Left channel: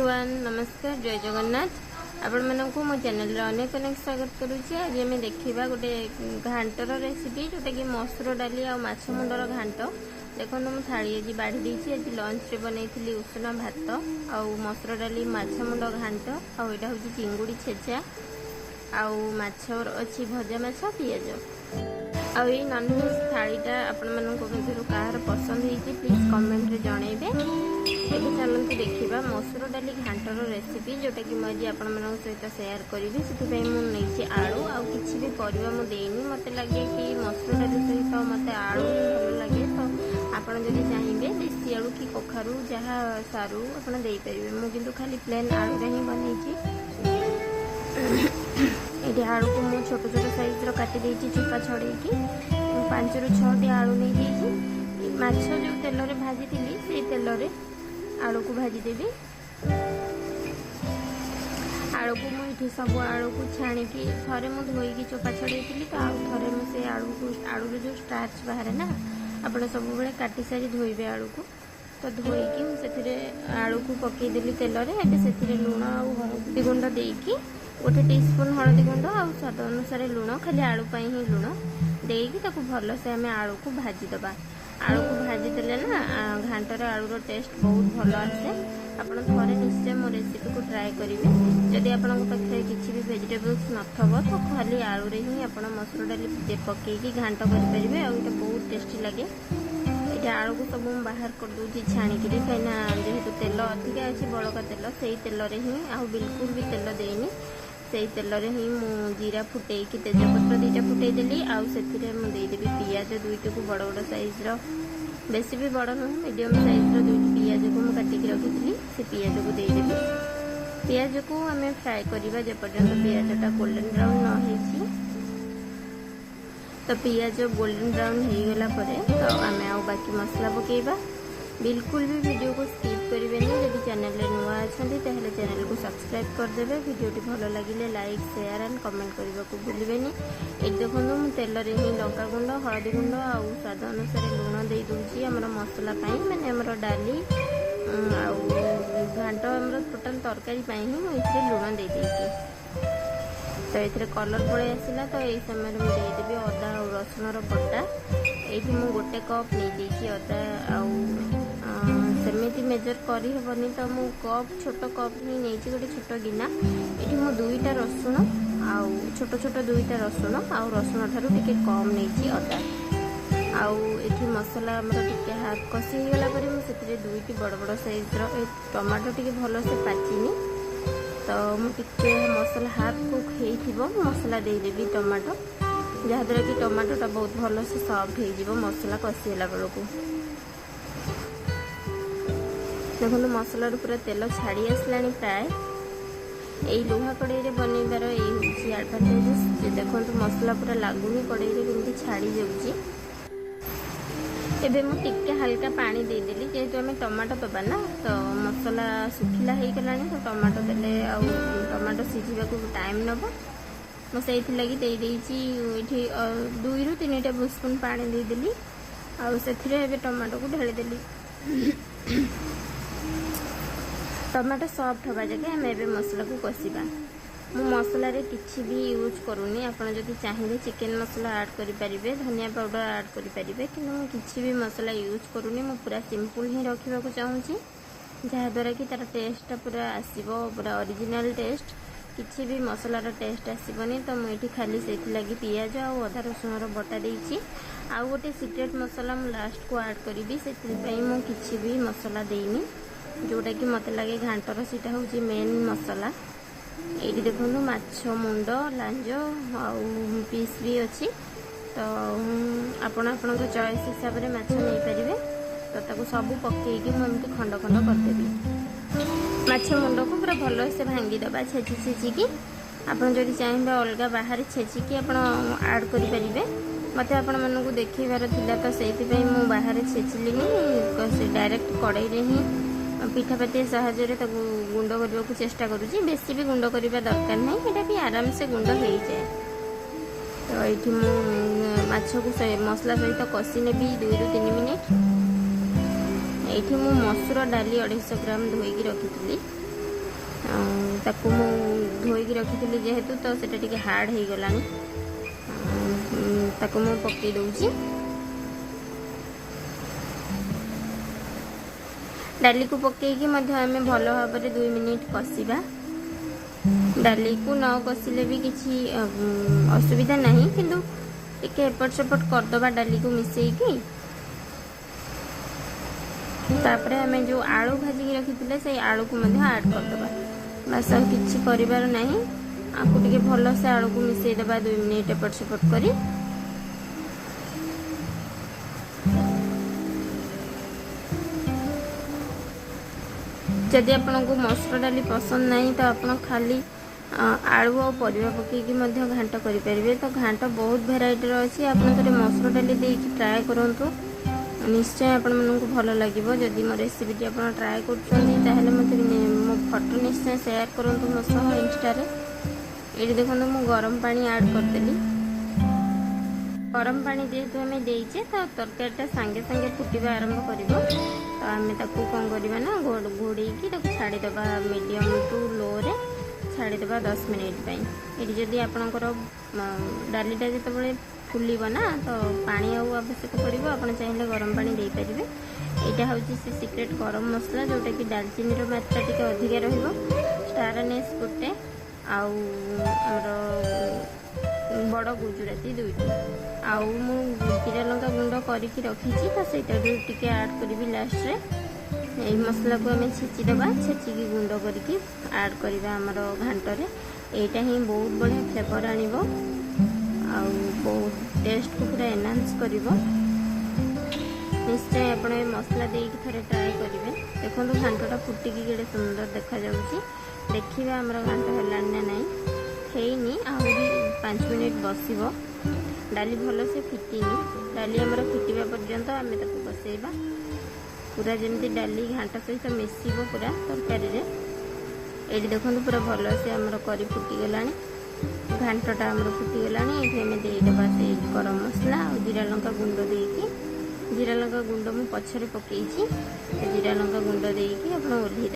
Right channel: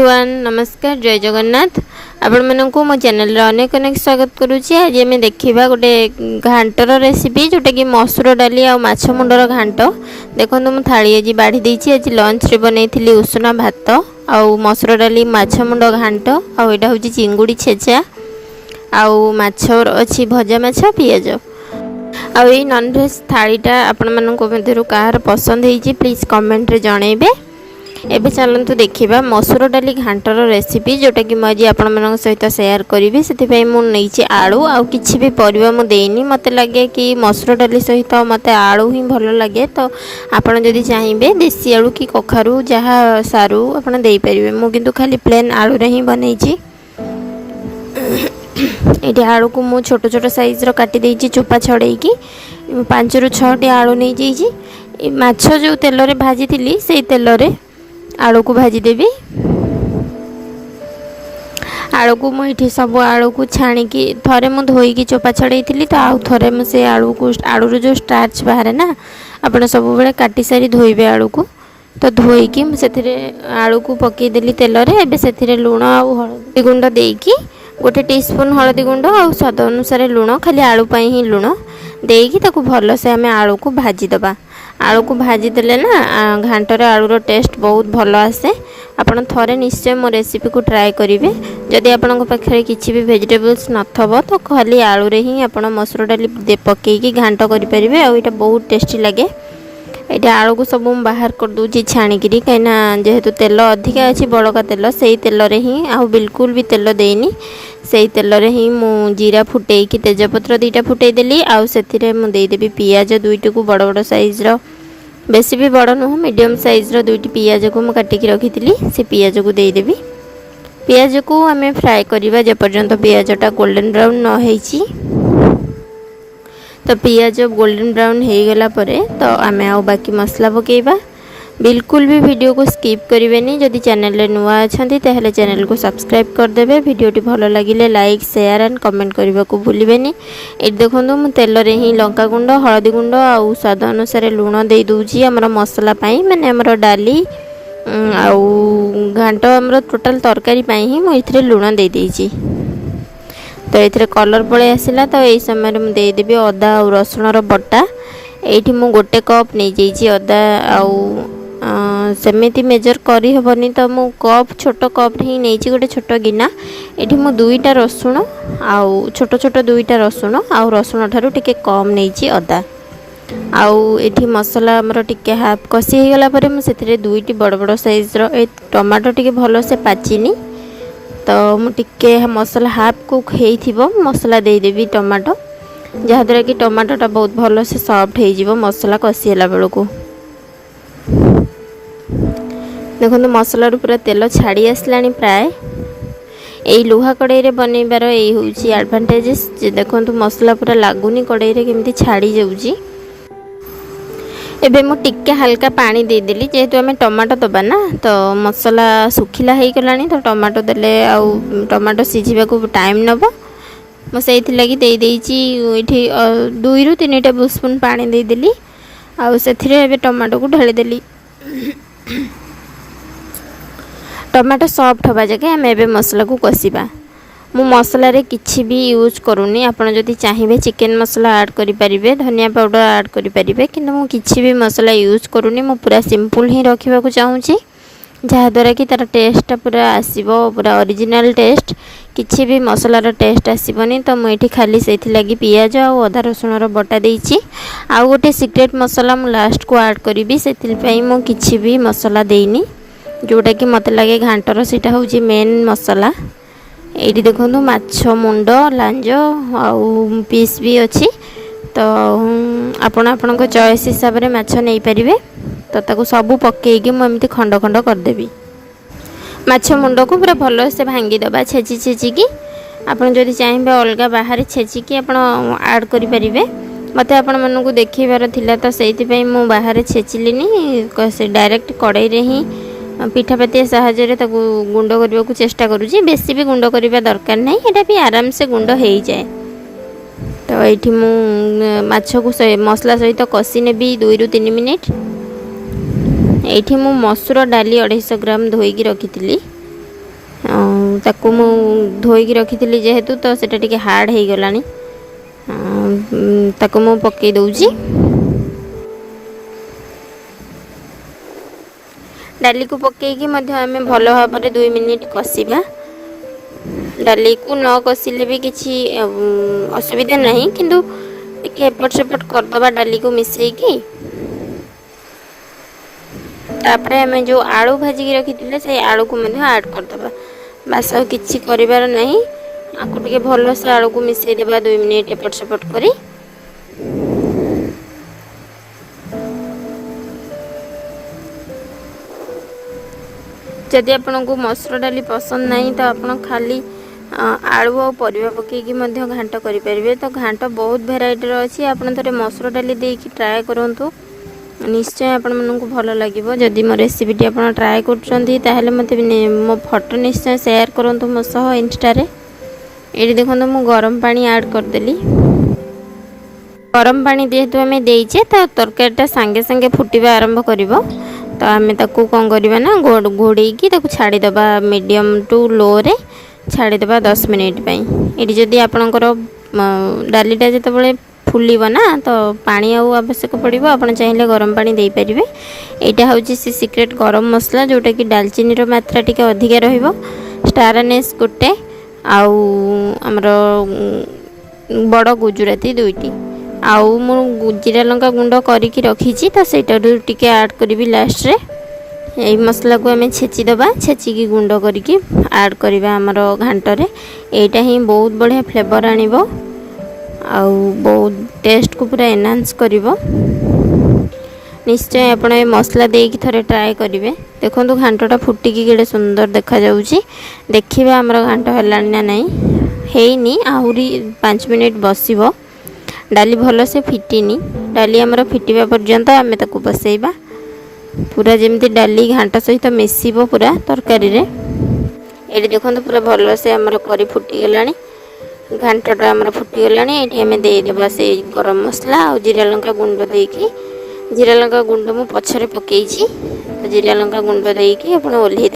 Everyone नमस्कार जय जगन्नाथ आपण मानू मो चैनल अनेक अनेक स्वागत करुच्ची। आज आम देखा गोटे घांटर रेसिपी जोटा कि मसूर डाली आ माछ मुंडर घांट। देखो मुझे थाली आज बाढ़ी देती। आज लंच रे बनई उषुना भात आउ मसूर डाली माछ मुंड घांट आउ यहाँ हूँ चिंगुड़ी छेचा आउ माछ अच्छी भजा माछ पियाज आउ ये नॉनवेज थालीटा आपण मानक मध्य कहार पसंद होती प्लीज कमेंट रे जनइबे। एबे चलतु देखा मसूर डाली घांटर रेसिपी जोटा कि मुझे आपण सहित सेयार करी से मुझे आलू आउ किसी भी परिवा मुझे मत लगे कि मसूर डाली सहित मत आलू ही भल लगे। तो आपड़ जदि चाहिए देसी आलू कि कखारू जहाँ सारू आपड़ दे पारे। मुझे खाली प्लेन आलू रे ही बनई ये आलू को मु छोट छोट साइज काटी देछि चोपा छड़ेकी 5 ରୁ 6टी आलू नहीं जाइए। माछ जो तेल रे भाजी थी से तेल रे आलू को भाजी देवी। आलू को मुझे सब आलू को छाणिकी थरे मु धोईकी चोपा छड़े थी। तो आउ थरे मुझे आलू को आलू जो स्टार्च बाहर ना आपड़ सब बेले काटी सारी धोइबे आलू को। तो धोईकी मुझे आलू को पकईदेली तेल रे। एबे से लुण आउ हळदी गुंड देकी 1 टीस्पून हळदी गुंड आउ स्वाद अनुसार लुण खाली आलू पाई ही लुण देकी ताकू भल से आम आलू को भाजी दबा। आलू को भाजी देले ना घांटर आलूर टेस्ट बहुत भल आसे। आपन थरे निश्चय मो रेसिपी को ट्राए करेंगे। जदि आपन पाखे किसी भी वेजिटेबल्स नथबो तो खाली आलू रे ही आपन मसूर डाली पकईकी घांट करेंगे। आउ ये बहुत टेस्टी लगे। ये आलू को सब बाहर कर दूची छाणिकी कहीं जेहेतु तेल अधिका अच्छी बड़का तेल से तेल रे ही आउ बिल्कुल भी तेल देनी से तेल रे ही मु जीरा फुटेकी तेजपत्र 2टा फुटेदेली। आउ से देदेवी पियाज 2टी को बड़ बड़ साइज बेसी भी बड़ नुह मीडियम साइज 2टी पियाज को मुझे काटिकी रखी से पियाज को देदेवी। पियाज को आम फ्राए करवा जेपर्यंत पियाजटा गोल्डन ब्राउन न होईची। तो पियाज गोल्डन ब्राउन हो गला परे तो आम आउ बाकी मसला पकेबा। बिल्कुल भी वीडियो को स्किप करेंगे। जदि चैनल रे नुआ अच्छा ताहले चैनल को सब्सक्राइब करदेवे। वीडियोटी भल लगिले लाइक शेयर एंड कमेंट करने को भूलें। ये देखो मु तेल रे ही लंका गुंड हळदी गुंड आउ स्वाद अनुसार लुण दे दूची आमर मसला पाई माने आमर डाली आउ घांट आमर टोटाल तरकारी पाई ही मुझे लुण दे देइची। तो ये कलर पड़े आसला। तो यही समय मुझे देदेवी अदा और रसुण बटा। ये मु 1 कप नहीं जाइए अदा आउ सेमती मेजर करी हेबनी। तो मु कप छोट कप ही नहीं गोटे छोट गिना। ये मु 2टा रसुण आउ छोट छोट 2टा रसुण आउ रसुण ठारू टिके कम नहीं अदा आउ ये मसला आमर टिके हाफ कषि हो गला परे मु सेथिरे 2टी बड़ बड़ साइज टमाटो टिके भल से पाचिनी। तो मु टिके मसला हाफ कुक हेइथिबो मसला दे देबी टमाटो जहाँद्वारा कि टमाटोटा बहुत भल से सॉफ्ट हो मसला कषिला बेलू। देखो मसला पूरा तेल छाड़ी आसला प्राय। यही लुहा कड़ाई रे बनइबार यही हूँ एडवांटेजेस। देखो मसला पूरा लगुनि कड़ाई रे केमती छाड़ी जाऊँगी। एबे मु टिके हल्का पानी देदेली जेहेतु आम टमाटो दबा ना। तो मसला सुखिला हो गलानी। तो टमाटो देले आउ टमाटो सिझा को टाइम नब मुझे लगी दे ये 2 ରୁ 3 टेबल स्पून पानी देदेली आउ से टमाटो को ढालीदेली। टमाटो सॉफ्ट हवा जगह आम ए मसला को कषा। मु मसला रे किछि भी यूज करूनी। आपन जदि चाहिए चिकन मसला ऐड करि परिबे धनिया पाउडर ऐड करि परिबे किंतु मु किछि भी मसला यूज करूनी। मु पूरा सिंपल ही रखिबा को चाहूची जहाँद्वारा कि तार टेस्टा पूरा आसीबो पूरा ओरिजिनल टेस्ट। किछि भी मसलार टेस्ट आसीबनी। तो मुझे खाली से लगी पियाज और अदा रसुण बटा देइछि। आउ गोटे सीक्रेट मसला मु लास्ट को ऐड करी से मु किछि भी मसला देनी जोटा कि मत लगे घांटर सीटा हूँ मेन मसला। ये देखो माछ मुंड लांज आउ पीस भी अच्छी। तो आपण चॉइस हिसाब से माछ नहीं पारे। तो ताको सब पकईकी मुझे खंड खंड करदेवी। माछ मुंड को पूरा भल से भांगी दबा छेची छेचिकी। आपड़ जदि चाहिए अलग बाहर छेचिकी आप ऐड करें। मत आपण मानू देखेबार थिला तो से मु बाहर छेचिलिनी डायरेक्ट कड़ाई रे ही पिठापातिया साहाय्य गुंड करने को चेष्टा करुँची। बेसी भी गुंड करने दरकार नहीं यहाँ भी आराम से गुंड हो जाए। तो ये मु माछ को मसला सहित कषि नेबी 2 ରୁ 3 मिनिट। ये मु मसूर डाली 250 ग्राम धोईकी रखी ताकू मु धोईकी रखी जेहेतु तो सेटा टिके हार्ड हो गलानी ताकू मु पकई दउची। डाली को पकईकी आम भल भाव 2 मिनिट कषा। डाली को न कषिले भी किसी असुविधा नहीं किंतु टिके एपट सेपट करदबा डाली को मिसेकी। तापर आम जो आलू भाजिकी रखी से आलू को ऐड करदबा। बास आ किछि करिवार नहीं आपको टिके भल से आलू को मिसई देबा 2 मिनिट एपट सेपट करी। जदि आपन को मसूर डाली पसंद नहीं तो आप खाली आलू और परिवा पकईकी घांट करें। तो घांट बहुत भेराइटर अच्छी आप थे मसूर डाली देकी ट्राए करूँ निश्चय आपण को भल लगे। जदि मो रेसिपीटी आप ट्राए कर मत मो फोटो निश्चय शेयर करूँ मो सह इंस्टा रे। ये देखो मु गरम पानी ऐड करदेली। गरम पानी जेहेतु आम देचे तो तरकारीटा सांगे सांगे फुटवा आरंभ कर तो आम ताकू कौन करवा ना घोड़ेकी छाड़ीदबा मीडियम टू लो रे छाड़ीदबा 10 मिनिट ये जदि आपणकर डालीटा जिते फुलिब ना तो पानी आवश्यक पड़ो आप चाहिए गरम पानी दे पारे। यहाँ हूँ सी सिक्रेट गरम मसला जोटा कि दालचीनी मात्रा टी अधिका स्टार एनेस गोटे आमर बड़ गुजराती 2टी आउ मु जीरा लंका गुंड करके रखी तो सेटा टिके ऐड करी लास्ट रे। यही मसला को आम छेचिदबा छेचिकी गुंड करके ऐड करवा आमर घांटरे। यहाँ ही बहुत बढ़िया फ्लेवर आनिबो आउ बहुत टेस्ट को पूरा एनहांस करिवो। निश्चय आपण ए मसला देकी थरे ट्राए करिवे। देखंतु घांटटा फुटिकी केडे सुंदर देखा जाउची। देखिबा हमर घांट हलानी ना नहीं हेइनी आहुरी 5 मिनिट बसिबो। डाली भल से फिटिनी डाली हमर फिटिबा पर्यंत आमे ताकू बसैबा पूरा जेमती डाली घांट सहित मिसिबो पूरा तरकारी रे। एडी देखंतु पूरा भल से हमर करी फुटी गलानी घांटटा आमर फुटीगलानी। ये आम देदेबा से गरम मसला और जीरा लंका गुंड देकी जीरा लंका गुंड मु पछरे पकईची जीरा लंका गुंड देकी आपण ओल्हे